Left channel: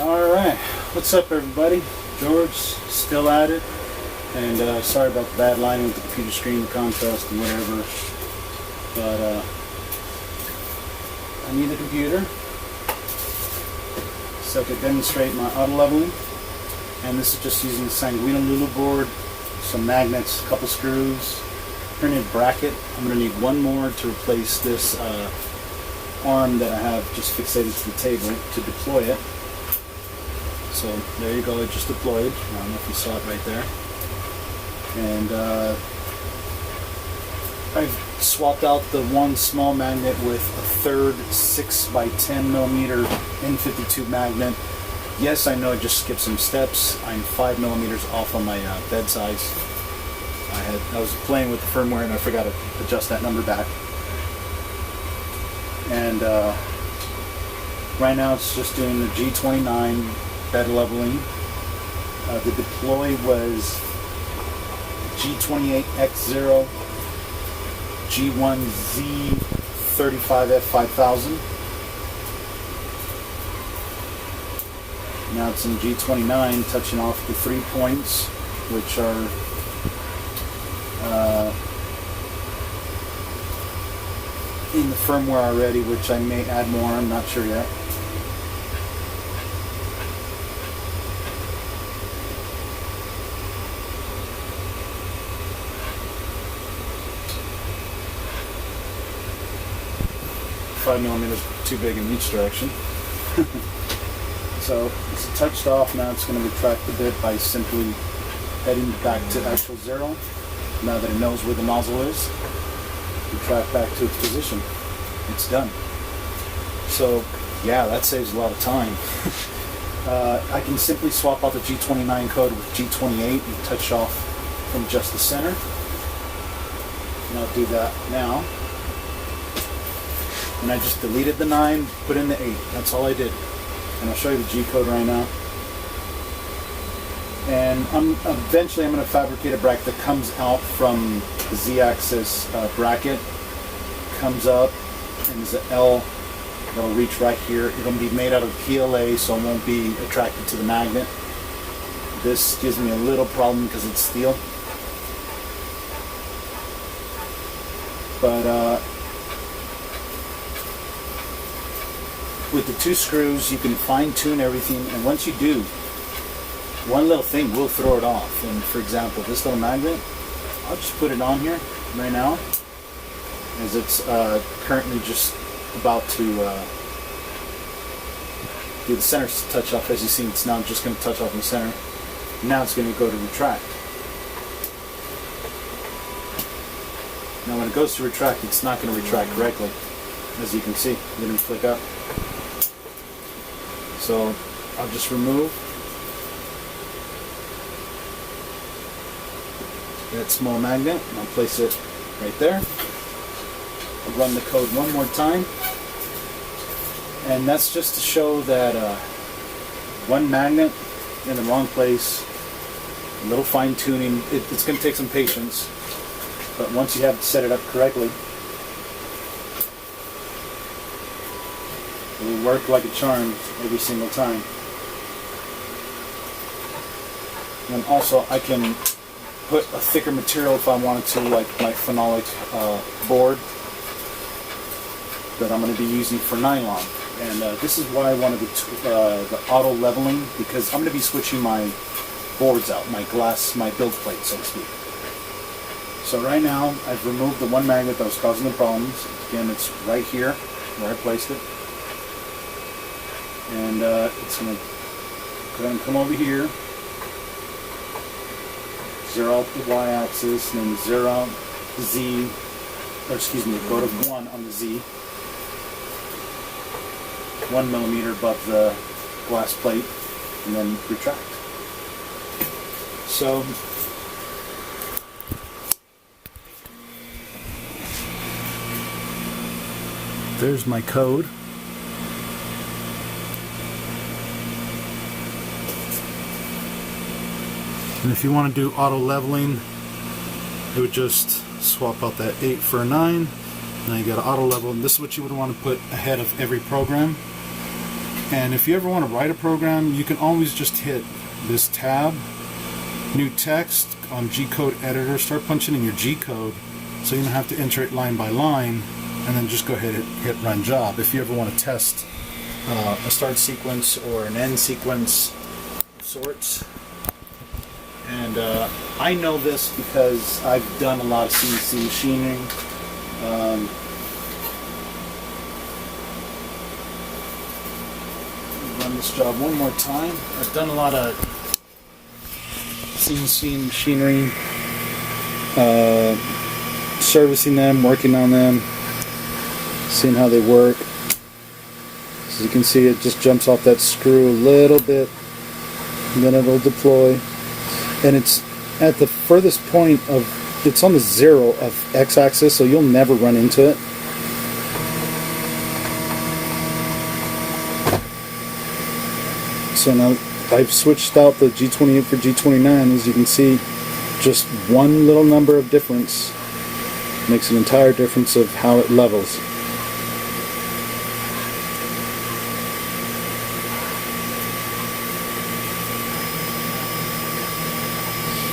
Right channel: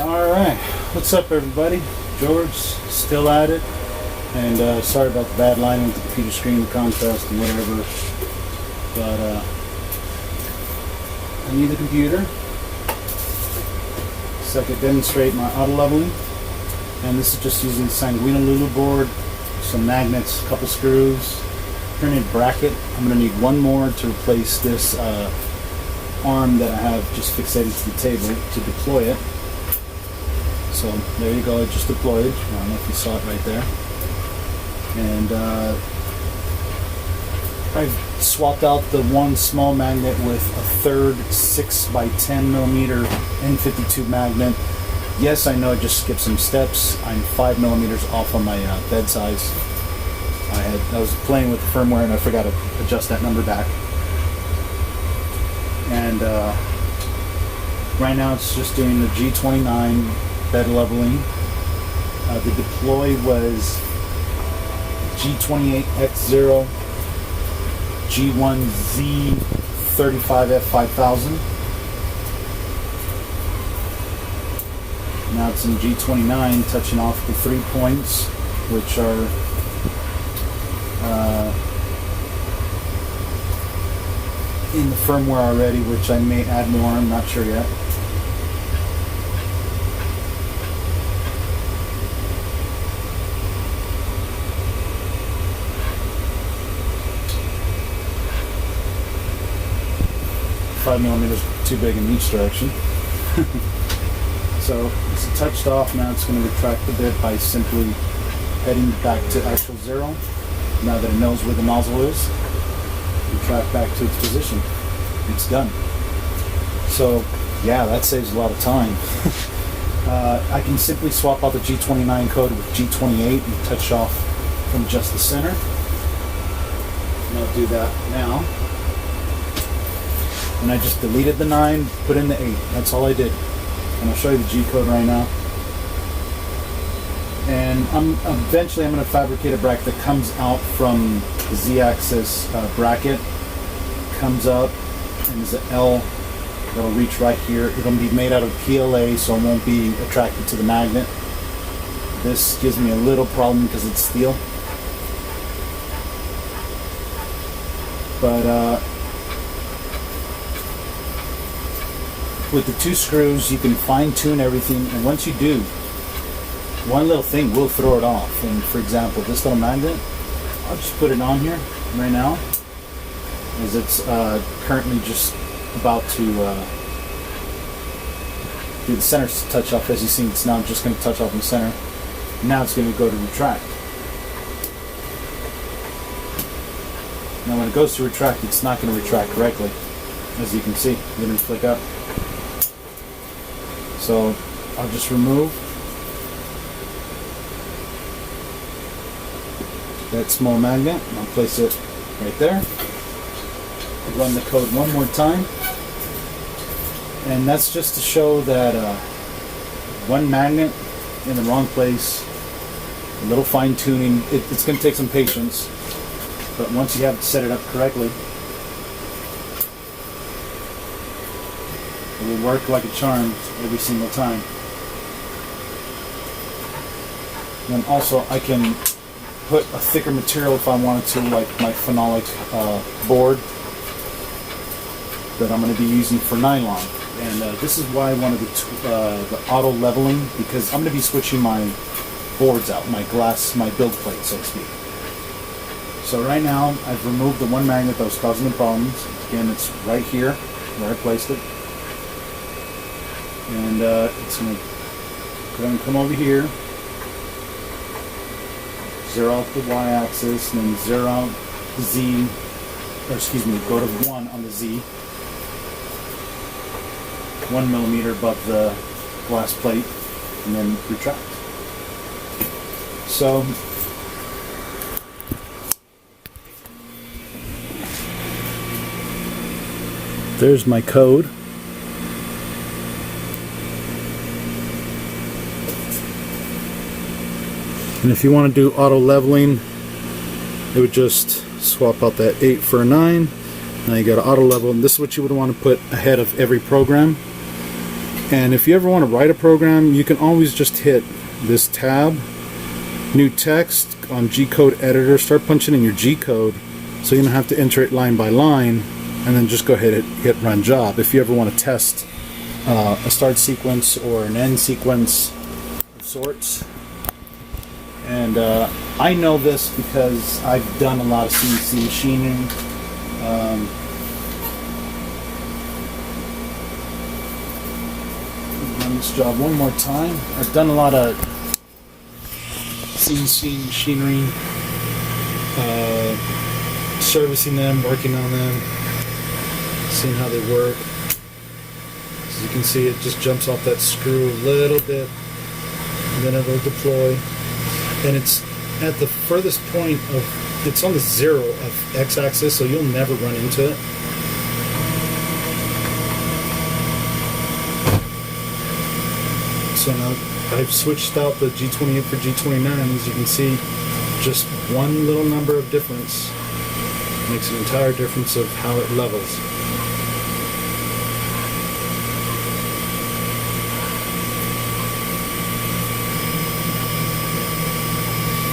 Alright, what's up everybody? George, still at it, and sorry about the bad line with the computer screen contrast and whatever, but I need the computer so I can demonstrate my auto leveling, and this is just using the Sanguinololu board, some magnets, a couple screws, printed bracket. I'm going to need one more to replace this arm that I have just fixated to the table to deploy it. So there you go, it just deployed. I don't know if you saw it right there. And I've swapped out the one small magnet with a third 6x10mm N52 magnet. Yes, I know I just skipped some steps. I'm 5mm off on my bed size. I was playing with the firmware and I forgot to adjust that number back. And right now it's just doing the G29 bed leveling. The deploy was G28X0, G1Z35F5000. Now it's in G29, touching off the 3 points, which are in the firmware already, which I may add more, I'm not sure yet. Five millimeters too big in each direction. So it's touched off. Now it's going to retract the bit by simply heading back to actual zero. Now that it knows where the nozzle is, retract back to its position. It's done. So yeah, that saves a lot of time. I can simply swap out the G29 code with G28 and touch off from just the center. And I'll do that now. And I just deleted the 9, put in the 8. That's all I did. And I'll show you the G code right now. And eventually I'm going to fabricate a bracket that comes out from the Z-axis bracket. Comes up, and there's an L that'll reach right here. It'll be made out of PLA, so it won't be attracted to the magnet. This gives me a little problem because it's steel. But with the 2 screws, you can fine-tune everything, and once you do, one little thing will throw it off. And for example, this little magnet, I'll just put it on here right now, as it's currently just about to do the center touch off. As you see, it's now just going to touch off in the center. Now it's going to go to retract. Now when it goes to retract, it's not going to retract correctly. As you can see, I'm going to click up. So I'll just remove that small magnet and I'll place it right there. I'll run the code one more time, and that's just to show that one magnet in the wrong place, a little fine tuning. It's going to take some patience, but once you have set it up correctly, it will work like a charm every single time. And also I can put a thicker material if I wanted to, like my phenolic board that I'm going to be using for nylon. And this is why I wanted the auto leveling, because I'm going to be switching my boards out, my build plate, so to speak. So right now I've removed the one magnet that was causing the problems. Again, it's right here where I placed it. And it's going to go and come over here, zero out the y-axis, and then zero out the z, or excuse me, go to 1 on the z, 1 millimeter above the glass plate, and then retract. So there's my code. And if you want to do auto leveling, it would just swap out that 8 for a 9. Now you got to auto level, and this is what you would want to put ahead of every program. And if you ever want to write a program, you can always just hit this tab, new text on G-code editor, start punching in your G-code so you don't have to enter it line by line, and then just go ahead and hit run job. If you ever want to test a start sequence or an end sequence of sorts. And I know this because I've done a lot of CNC machining. Run this job one more time. I've done a lot of CNC machinery, servicing them, working on them, seeing how they work. As you can see, it just jumps off that screw a little bit, and then it'll deploy. And it's at the furthest point of, it's on the 0 of x-axis, so you'll never run into it. So now I've switched out the G28 for G29. As you can see, just one little number of difference makes the entire difference of how it levels.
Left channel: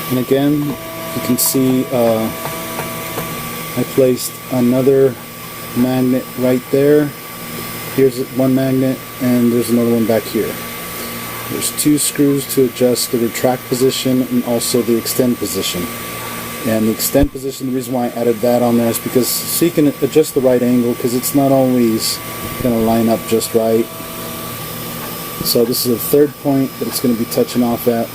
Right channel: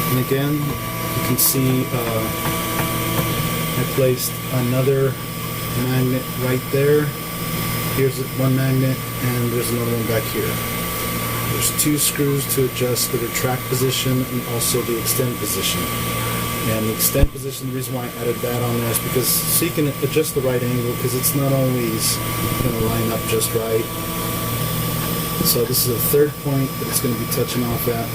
And again, you can see I placed another magnet right there. Here's one magnet, and there's another one back here. There's 2 screws to adjust the retract position and also the extend position. And the extend position, the reason why I added that on there is because so you can adjust the right angle, because it's not always going to line up just right. So this is the 3rd point that it's going to be touching off at.